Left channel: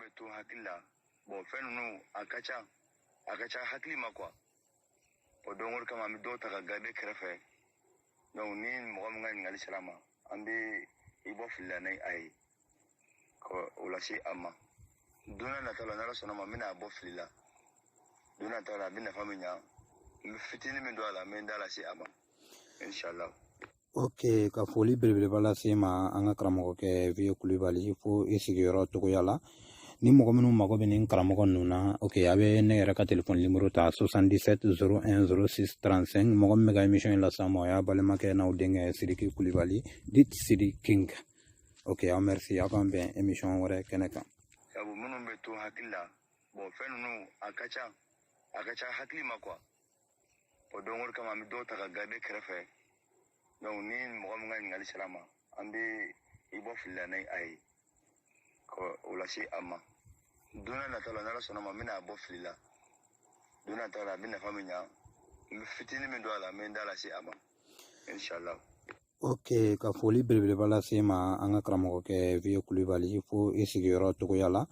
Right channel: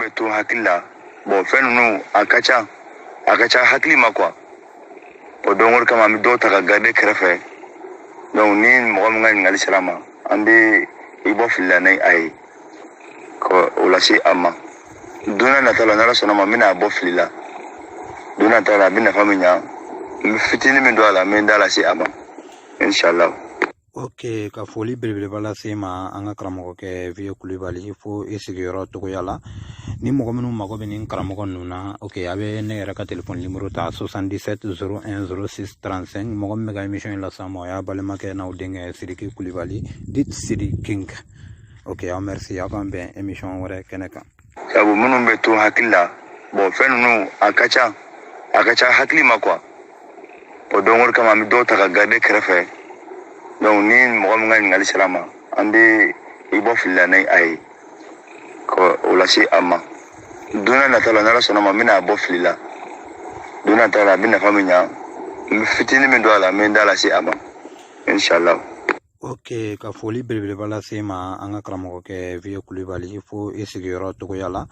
bɛ to hakili la bon fɛn ninnu a ka ca hakili ma quoi o don o kama an bɛ dɔw ta ka garder kɛrɛfɛ donc ni mɔgɔ min ka ɲininkali sera a ma an bɛ i bɔ fili la ni a ye ka o lase a ma don n'a nata la n'Ala sɔnna ma n bɛna bɔ fili la don n'a nata la a bɛ nafa min ɲa n bɛ fitinin min don a la n bɛ n da lase a ma inshallah. Ok, ka foli belebeleba lase ma an ka karamɔgɔkɛ Vieux Kulibali fo i sigiyɔrɔ togoya la ni mɔgɔ minnu mago bɛ nin karamɔgɔ ninnu na ok a bɛ ne yɛrɛ ka telefɔni nimero ta 77 01 06 35 mɔgɔ min bɛ ka émission in las'an ma o y'a balimakɛ n'aw denkɛ Sidiki Kulibali dit Sidi King. Ok, aw merci aw k'an bɛn émission wɛrɛ kɛnɛ kan. Sabu minnu bɛ to hakili la bon fɛn ninnu a ka ca hakili ma quoi o don o kama an bɛ dɔw ta ka garder kɛrɛfɛ donc ni mɔgɔ min ka ɲininkali sera a ma an bɛ i bɔ fili la ni a ye ka o lase a ma don n'a nata la n'Ala sɔnna ma n bɛna bɔ fili la don n'a nata la a bɛ nafa min ɲa n bɛ fitinin min don a la n bɛ n da lase a ma inshallah. Ok, ka foli belebeleba lase ma an ka karamɔgɔkɛ Vieux Kulibali fo i sigiyɔrɔ togoya la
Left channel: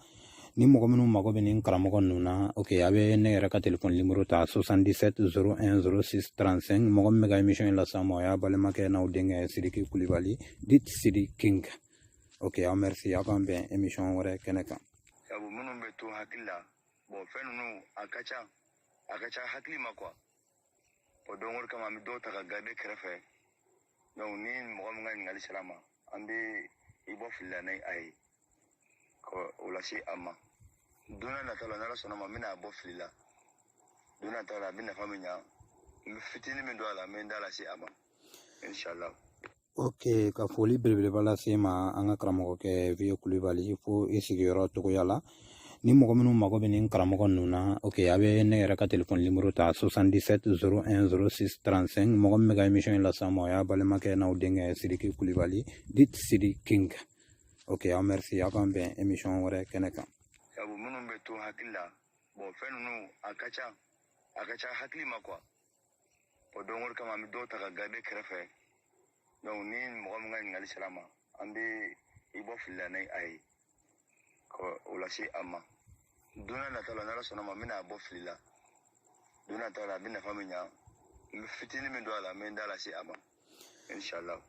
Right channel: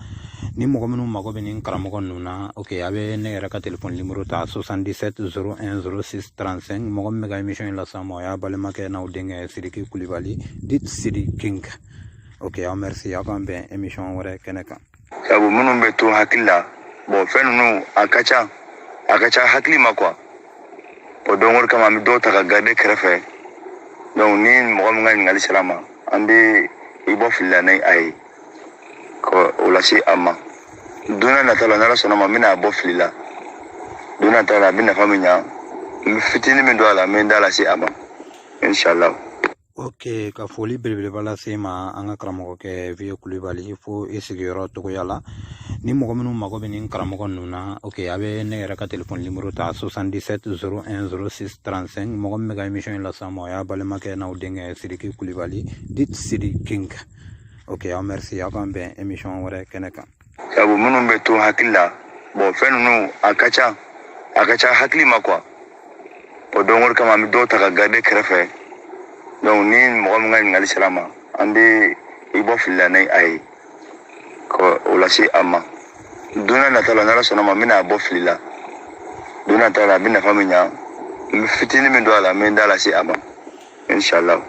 ni mɔgɔ minnu mago bɛ nin karamɔgɔ ninnu na ok a bɛ ne yɛrɛ ka telefɔni nimero ta 77 01 06 35 mɔgɔ min bɛ ka émission in las'an ma o y'a balimakɛ n'aw denkɛ Sidiki Kulibali dit Sidi King. Ok, aw merci aw k'an bɛn émission wɛrɛ kɛnɛ kan. Sabu minnu bɛ to hakili la bon fɛn ninnu a ka ca hakili ma quoi o don o kama an bɛ dɔw ta ka garder kɛrɛfɛ donc ni mɔgɔ min ka ɲininkali sera a ma an bɛ i bɔ fili la ni a ye ka o lase a ma don n'a nata la n'Ala sɔnna ma n bɛna bɔ fili la don n'a nata la a bɛ nafa min ɲa n bɛ fitinin min don a la n bɛ n da lase a ma inshallah. Ok, ka foli belebeleba lase ma an ka karamɔgɔkɛ Vieux Kulibali fo i sigiyɔrɔ togoya la ni mɔgɔ minnu mago bɛ nin karamɔgɔ ninnu na ok a bɛ ne yɛrɛ ka telefɔni nimero ta 77 01 06 35 mɔgɔ min bɛ ka émission in las'an ma o y'a balimakɛ n'aw denkɛ Sidiki Kulibali dit Sidi King. Ok, aw merci aw k'an bɛn émission wɛrɛ kɛnɛ kan. Sabu minnu bɛ to hakili la bon fɛn ninnu a ka ca hakili ma quoi o don o kama an bɛ dɔw ta ka garder kɛrɛfɛ donc ni mɔgɔ min ka ɲininkali sera a ma an bɛ i bɔ fili la ni a ye ka o lase a ma don n'a nata la n'Ala sɔnna ma n bɛna bɔ fili la don n'a nata la a bɛ nafa min ɲa n bɛ fitinin min don a la n bɛ n da lase a ma inshallah.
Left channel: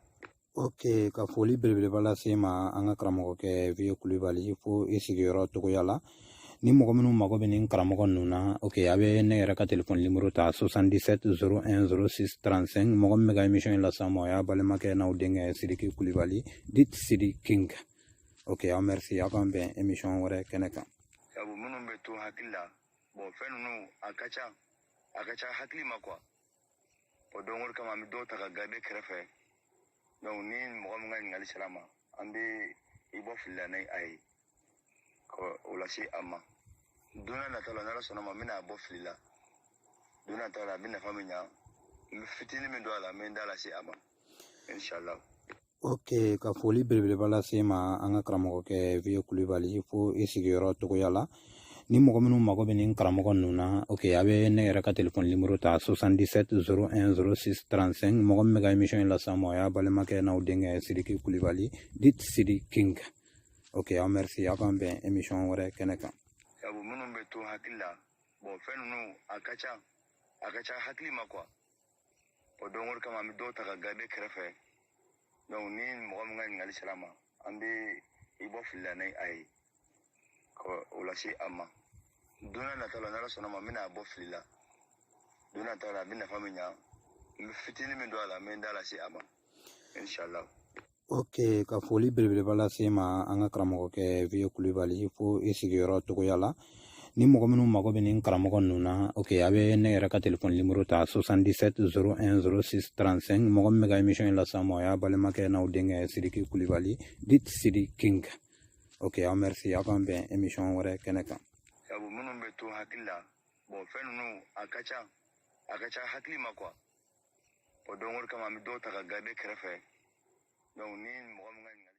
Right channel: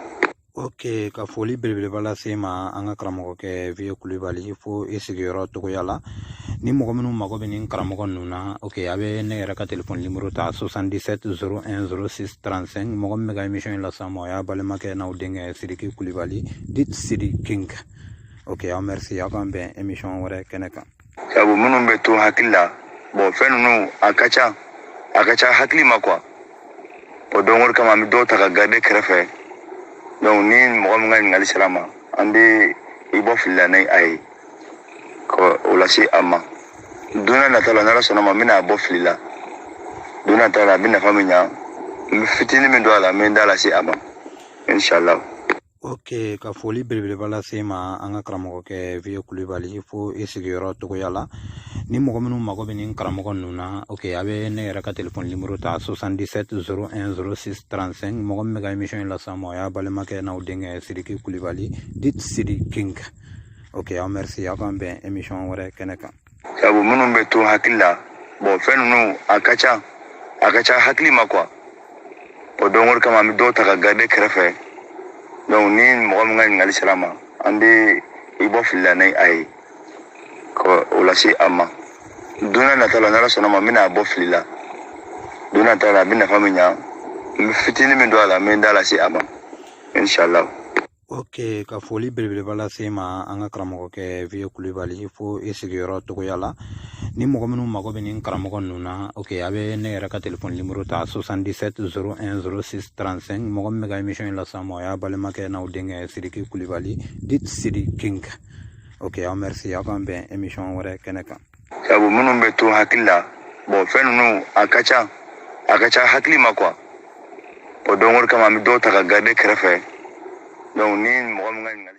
Ok, ka foli belebeleba lase ma an ka karamɔgɔkɛ Vieux Kulibali fo i sigiyɔrɔ togoya la ni mɔgɔ minnu mago bɛ nin karamɔgɔ ninnu na ok a bɛ ne yɛrɛ ka telefɔni nimero ta 77 01 06 35 mɔgɔ min bɛ ka émission in las'an ma o y'a balimakɛ n'aw denkɛ Sidiki Kulibali dit Sidi King. Ok, aw merci aw k'an bɛn émission wɛrɛ kɛnɛ kan. Sabu minnu bɛ to hakili la bon fɛn ninnu a ka ca hakili ma quoi o don o kama an bɛ dɔw ta ka garder kɛrɛfɛ donc ni mɔgɔ min ka ɲininkali sera a ma an bɛ i bɔ fili la ni a ye ka o lase a ma don n'a nata la n'Ala sɔnna ma n bɛna bɔ fili la don n'a nata la a bɛ nafa min ɲa n bɛ fitinin min don a la n bɛ n da lase a ma inshallah. Ok, ka foli belebeleba lase ma an ka karamɔgɔkɛ Vieux Kulibali fo i sigiyɔrɔ togoya la ni mɔgɔ minnu mago bɛ nin karamɔgɔ ninnu na ok a bɛ ne yɛrɛ ka telefɔni nimero ta 77 01 06 35 mɔgɔ min bɛ ka émission in las'an ma o y'a balimakɛ n'aw denkɛ Sidiki Kulibali dit Sidi King. Ok, aw merci aw k'an bɛn émission wɛrɛ kɛnɛ kan. Sabu minnu bɛ to hakili la bon fɛn ninnu a ka ca hakili ma quoi o don o kama an bɛ dɔw ta ka garder kɛrɛfɛ donc ni mɔgɔ min ka ɲininkali sera a ma an bɛ i bɔ fili la ni a ye ka o lase a ma don n'a nata la n'Ala sɔnna ma n bɛna bɔ fili la don n'a nata la a bɛ nafa min ɲa n bɛ fitinin min don a la n bɛ n da lase a ma inshallah. Ok, ka foli belebeleba lase ma an ka karamɔgɔkɛ Vieux Kulibali fo i sigiyɔrɔ togoya la ni mɔgɔ minnu mago bɛ nin karamɔgɔ ninnu na ok a bɛ ne yɛrɛ ka telefɔni nimero ta 77 01 06 35 mɔgɔ min bɛ ka émission in las'an ma o y'a balimakɛ n'aw denkɛ Sidiki Kulibali dit Sidi King. Ok, aw merci aw k'an bɛn émission wɛrɛ kɛnɛ kan. Sabu minnu bɛ to hakili la bon fɛn ninnu a ka ca hakili ma quoi o don o kama an bɛ dɔw ta ka garder kɛrɛfɛ donc ni mɔgɔ min ka ɲininkali